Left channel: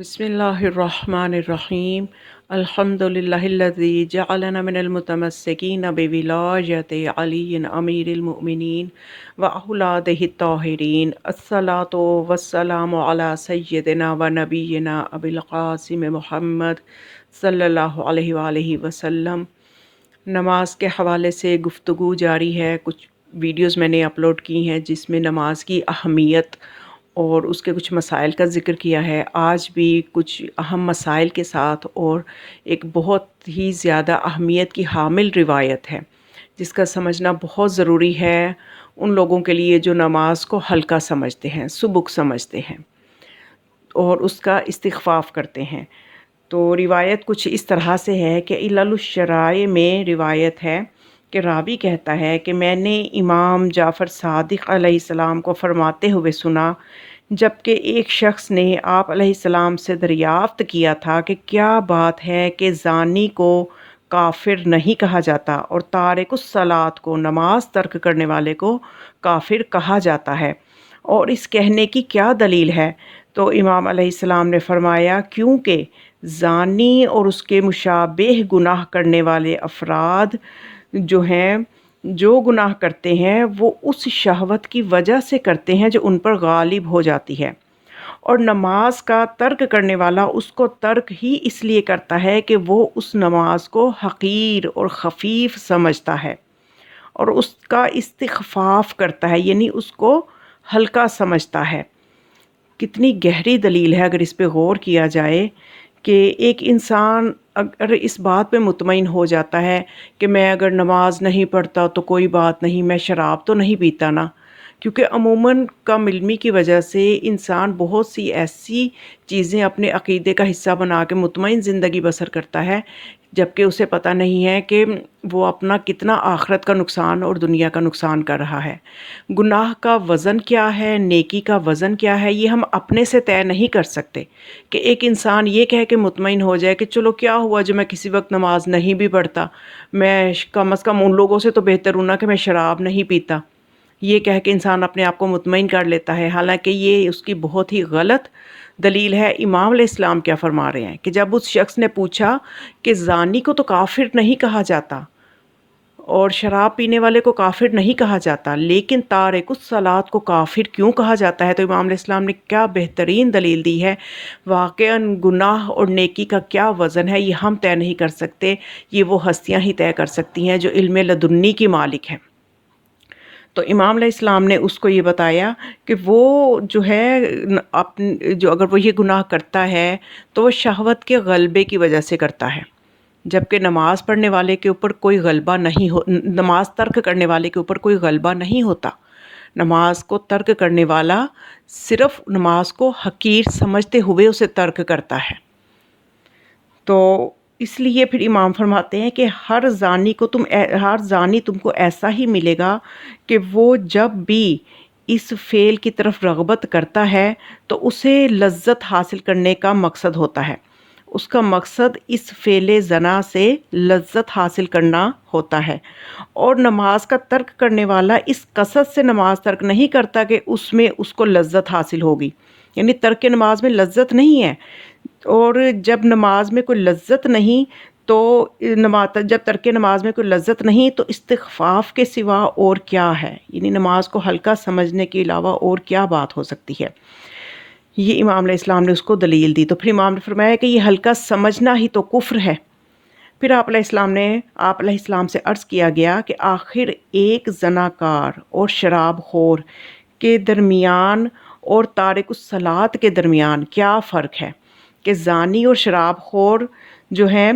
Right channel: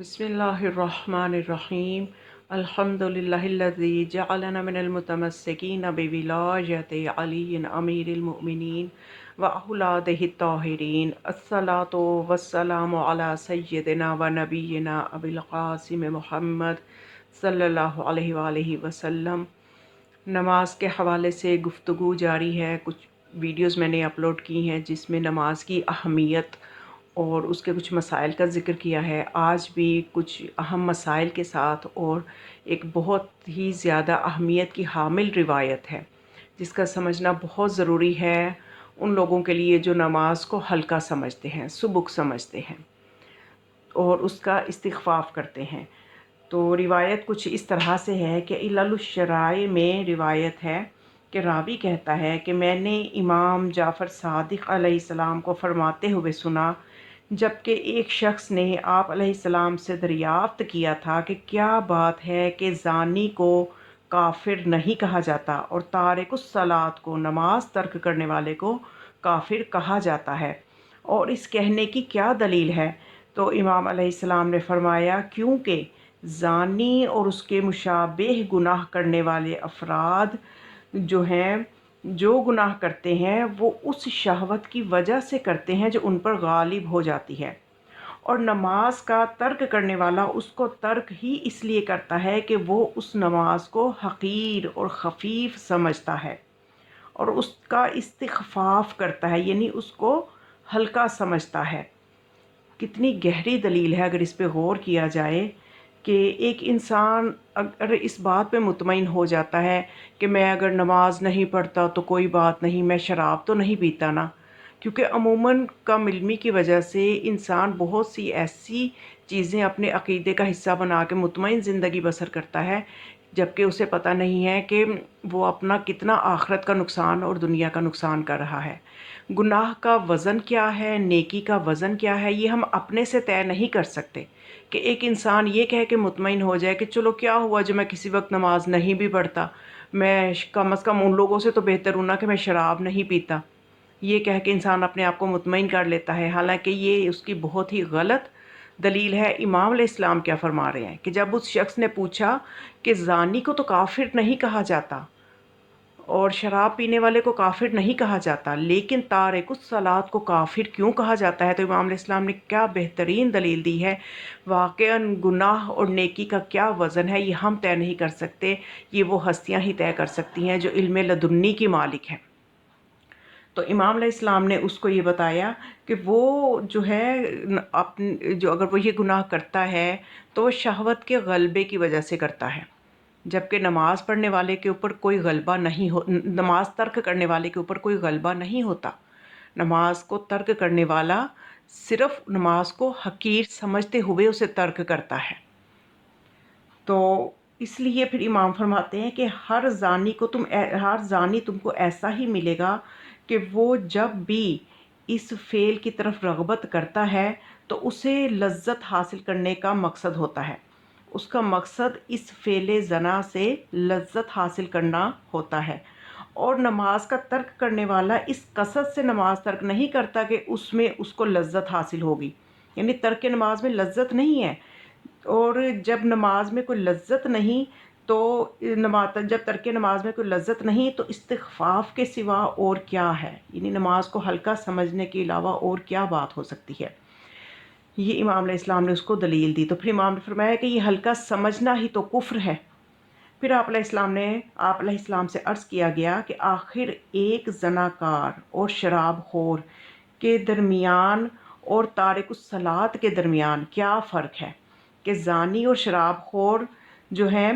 بسم اللہ الرحمن الرحیم الحمد للہ الذی جعلنا من المتمسکین بولایت علی امیر المؤمنین واولادہ الطاہرین الصلاۃ والسلام علی سیدنا و نبینا ابی القاسم محمد صلی اللہ علیہ وآلہ وسلم۔ نماز کے حوالے سے گفتگو جاری ہے۔ کچھ ویڈیوز میں نے اپلوڈ کی ہیں جس میں نماز کی اہمیت اور اس کے کچھ مسائل کا ذکر کیا ہے۔ آج بھی کچھ اہم مسائل کے ساتھ اور ایک بہت ہی زیادہ اہمیت کی حامل روایت ہے جس کا سمجھنا بہت ضروری ہے ان لوگوں کے لیے جو نماز کو ہلکا سمجھتے ہیں، سبک سمجھتے ہیں اور اس کا استخفاف کرتے ہیں۔ تو روایت کچھ اس طرح سے ہے کہ الشراء میں روایت ہے کہ راوی کہتا ہے کہ میں نے امام جعفر صادق علیہ السلام کو فرماتے ہوئے سنا جبکہ ایک شخص نے آپ علیہ السلام سے دریافت کیا تھا کہ کیا بات ہے کہ زانی کو کافر نہیں کہا جاتا اور تارک الصلاۃ کو، نماز ترک کرنے والے کو کافر کہا جاتا ہے، اور اس کہنے کی کیا دلیل ہے؟ تو امام علیہ السلام نے فرمایا کیونکہ زانی اور اس کے مشابہ گناہ کرنے والے افراد جو گناہ کرتے ہیں وہ اس شہوت کی وجہ سے کرتے ہیں جو ان پر غالب ہو جاتی ہے، اور نماز کا ترک کرنے والا اس کو ترک ہی اس لیے کرتا ہے کہ وہ اس نماز کو حقیر اور خفیف سمجھتا ہے اور اس کا استخفاف کرتا ہے، یعنی اس کو ہلکا سمجھتا ہے۔ کتنی گہری دلیل ہے اگر اس پہ غور کیا جائے کہ ایک انسان اگر اس بات پہ مطمئن ہو جاتا ہے کہ میں اگر نماز نہیں پڑھتا تو کوئی بات نہیں، میں شراب تو نہیں پیتا نا، کیونکہ عموماً کم علمی کی وجہ سے انسان بہت سی ایسی چیزیں اپنے عقیدے کا حصہ بنا کے مطمئن زندگی بسر کرتا ہے جبکہ اسے پتہ نہیں ہے کہ وہ اپنا کتنا آخرت کا نقصان اور دنیا کا نقصان کر رہا ہے۔ گناہ کا وزن کیا ہے، نیکی کا وزن کیا ہے، یہ ہم اپنے سے طے نہیں کر سکتے کہ ایک انسان یہ کہہ کے مطمئن ہو جائے کہ چلو کیا ہوا جو میں کسی وقت نماز نہیں بھی پڑھتا، میں کم از کم ان لوگوں سے تو بہتر ہوں نا کہ میں شراب نہیں پیتا، یہ کہہ کے انسان اپنے آپ کو مطمئن کر لیتا ہے، حالانکہ یہ اس کی بہت ہی غلط دلیل ہے۔ امام علیہ السلام کیا فرما رہے ہیں کہ جب اس شخص نے پوچھا کہ زانی کو تو کافر نہیں کہا جاتا اور شراب پینے والے کو کافر نہیں کہا جاتا، لیکن تارک الصلاۃ کو کافر کیوں کہا جاتا ہے، تو امام علیہ السلام نے کیا بہترین دلیل دی ہے۔ واقعاً گناہ اور نیکی کا کیا وزن ہے یہ ہم طے نہیں کر سکتے، یہ وہ ہستیاں ہی طے کر سکتی ہیں جو علم لدنی کی مالک ہیں۔ تو امام علیہ السلام نے اس کو یہ بتایا کہ وہ جو ہے جو اگر وہ یہ گناہ کرتا ہے تو وہ شہوت کے غلبے کی وجہ سے کرتا ہے، جبکہ نماز پڑھنے والے کے اوپر کوئی غلبہ نہیں نماز ترک کرنے والے کے اوپر کوئی غلبہ نہیں ہوتا۔ نماز کو ترک کرنے والا صرف نماز کو حقیر سمجھتے ہوئے اسے ترک کرتا ہے۔ تو اس لیے پھر امام فرماتے ہیں کہ ہر زانی تم کو ایسا ہی ملے گا کہ وہ جب بھی اس فعل کی طرف رغبت کرتا ہے تو اسے لذت حاصل کرنے کا مقصد ہوتا ہے، اس کا مقصد اس فعل زنا سے لذت حاصل کرنا ہوتا ہے، اور نماز کا ترک کرنے والا اس قصد سے نماز ترک نہیں کرتا کہ اس میں اس کو لذت حاصل ہوگی، یعنی ترک نماز میں لذت نہیں ہے، اور جب نماز میں کوئی لذت نہیں تو جب ترک نماز میں کوئی لذت نہیں تو استخفاف کے سوا اور کیا ہے، یعنی نماز کو ہلکا سمجھنے کے علاوہ اور کیا بات ہو سکتی ہے۔ یہ امام علیہ السلام نے اس کو دلیل دی، تو پھر امام نے فرمایا کہ یہ ہلکا سمجھنا ہی تو کفر ہے۔ پھر آپ علیہ السلام سے عرض کیا گیا کہ آخر ایک زناکار اور شراب خور کے درمیان اور تارک الصلاۃ کے درمیان کیا فرق ہے کہ زانی اور شراب خور جو ہے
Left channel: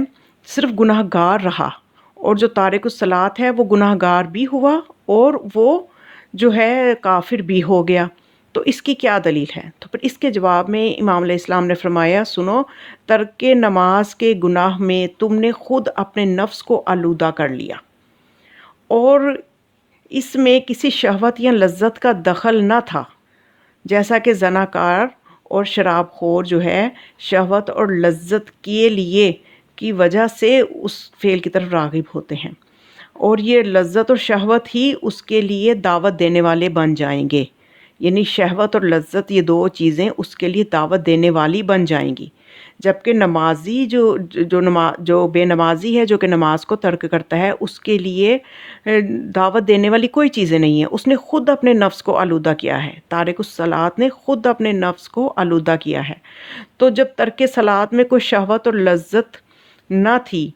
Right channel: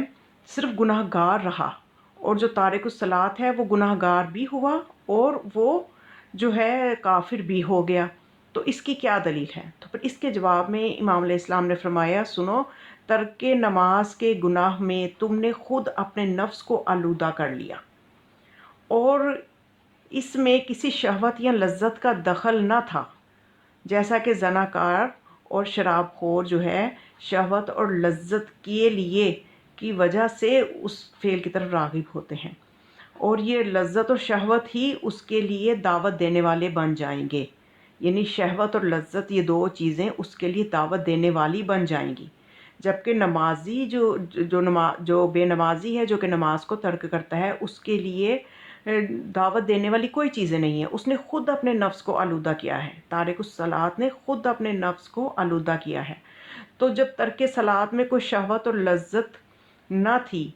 صرف گناہ گار رہا اور جو تارک الصلاۃ ہے وہ گناہ گار بھی ہوا اور وہ جو ہے کافر بھی ہو گیا، تو اس کی کیا دلیل ہے؟ تو پھر اس کے جواب میں امام علیہ السلام نے فرمایا سنو، ترک نماز کے گناہ میں تم نے خود اپنے نفس کو آلودہ کر لیا اور اس میں کسی شہوت یا لذت کا دخل نہ تھا، جیسا کہ زناکار اور شراب خور جو ہے شہوت اور لذت کے لیے کی وجہ سے اس فعل کی طرف راغب ہوتے ہیں، اور یہ لذت اور شہوت ہی اس کے لیے دعوت دینے والے بن جائیں گے یعنی شہوت اور لذت یہ دو چیزیں اس کے لیے دعوت دینے والی بن جائیں گی، جبکہ نمازی جو بے نمازی ہے، جو کہ نماز کو ترک کرتا ہے، اس کے لیے دعوت دینے والی کوئی چیزیں نہیں ہیں، اس نے خود اپنے نفس کو آلودہ کیا ہے، تارک الصلاہ نے خود اپنے نفس کو آلودہ کیا ہے۔ تو جب ترک صلاۃ میں کوئی شہوت اور لذت نہ تھی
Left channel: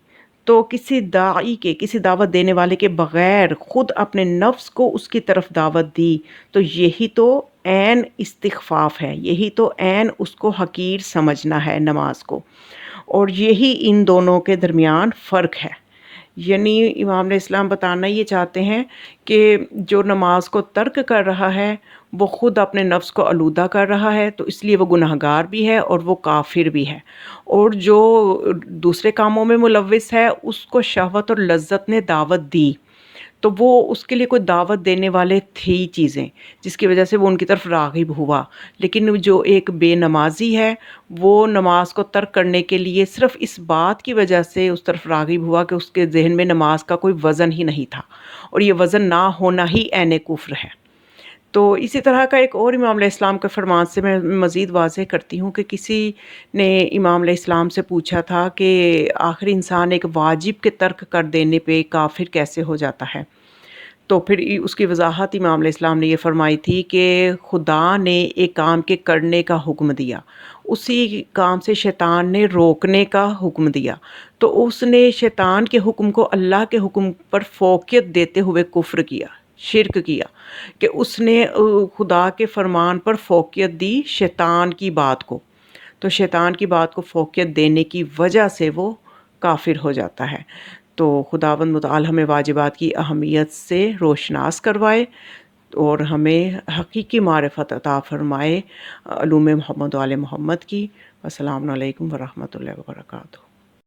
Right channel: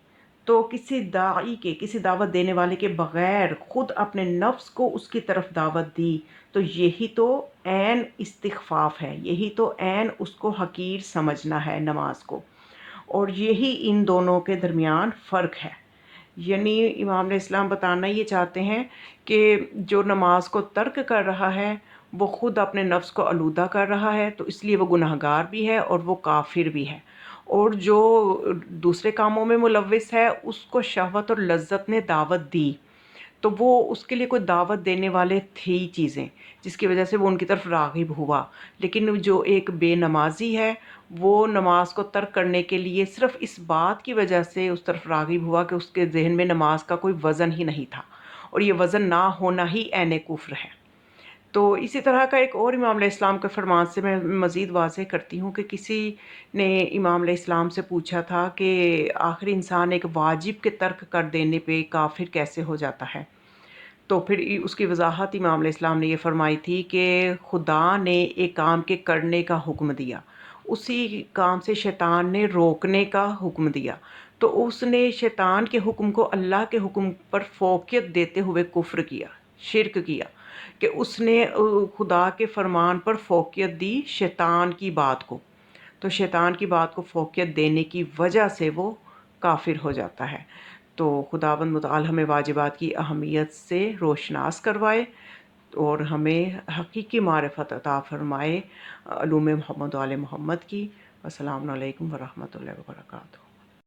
تو کسی داعی کے، کسی دعوت دینے والے کے بغیر خود اپنے نفس کو اس کی طرف دعوت دی، تو یہی تو عین استخفاف ہے، یہی تو عین اس کو حقیر سمجھنا ہے نماز کو، اور یہی ان دونوں کے درمیان فرق ہے۔ یعنی امام علیہ السلام بتانا یہ چاہتے ہیں کہ جو نماز کو ترک کر رہا ہے وہ خود اپنے نفس کو آلودہ کر رہا ہے، تو اس لیے وہ گناہگار بھی ہے اور وہ کافر بھی ہے، اور جو دوسرے کاموں میں ملوث ہے اس کو شہوت اور لذت نے دعوت دی، تو وہ اس کے لیے کوئی دعوت دینے والے تھی چیزیں جس کی وجہ سے وہ ان کی طرف راغب ہوا، لیکن جو ایک بے نمازی ہے وہ نماز کو ترک کرنے کے لیے صرف اس بات کی وجہ سے اس طرف راغب ہوا کہ اس کے ذہن میں نماز کا کوئی وزن ہی نہیں تھا، اور یہ وزن نہ ہونا ہی عین کفر ہے۔ تو اسی طرح کا ایک اور امام علیہ السلام کے فرمان سے میں مزید واضح کرتی ہوں کہ کسی نے امام علیہ السلام سے پوچھا تھا کہ آخر انسان ایک واجب کے ترک کر دینے پہ کافر کیسے ہو جاتا ہے؟ تو پھر اس کی وضاحت امام علیہ السلام نے یہ فرمائی تھی کہ خدا نے ایک کام کے کرنے کا حکم دیا، اسی کام سے شیطان نے روکنے کا حکم دیا، تو اس نے شیطان کے حکم کو اللہ کے حکم پر فوقیت دیتے ہوئے کفر کیا، شرک کیا، کہ اس نے خدا کے فرمان پر فوقیت دی شیطان کی بات کو، تو شیطان کی بات کو فوقیت دینے کی وجہ سے وہ کافر ہو جاتا ہے۔ تو خداوند متعال ہمیں واجبات کی اہمیت سے روشناس کروائے اور ہمیں حقیقی معرفت عطا فرمائے علوم محمد و آل محمد کی۔ السلام علیکم ورحمۃ اللہ وبرکاتہ۔